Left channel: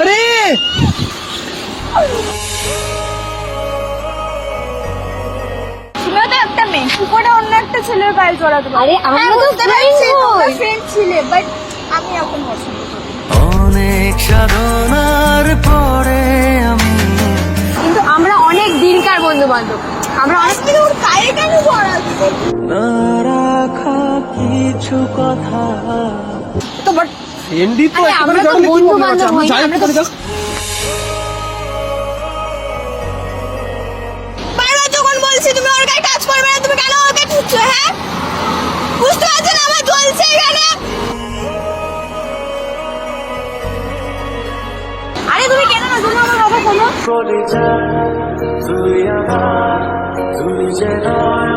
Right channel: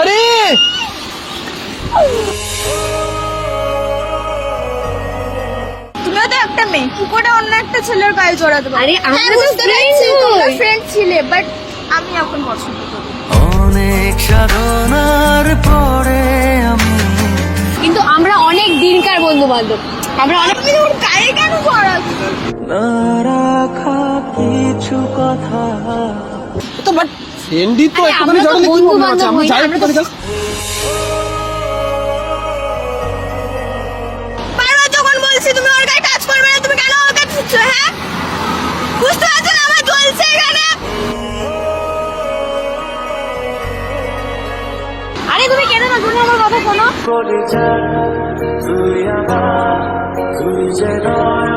আরে তুমিও তো একটা মেয়ে, কি করে অন্য একটা ছেলের গায়ে জড়াতে পারো? আরে আমরা তো ফ্রেন্ড ছিলে, বাট আমি এখন পছন্দ করি। অনেক সাধনার পরে আমি কিন্তু আমরা অনেক দিনকার বন্ধু বান্ধব, আমরা অনেক তুমি তোমার গায়ে কেন জড়াচ্ছ? না রাখা কিছু কথা তো বাট ফ্রেন্ডই তো আরে আমরা তো বন্ধু বান্ধব হই না, আমরা তো বারবার যখন বলছি তুমি ওর গায়ে টাচ করবে না, তুমি কেন ওকে দিচ্ছ? হ্যাঁ, বুঝতে পারছো না আমার জ্বলছে এখানে? আরে তুমি কেন না, তুমি আমার কথা শোনো। করে যা তুই আমার তুই যে নয়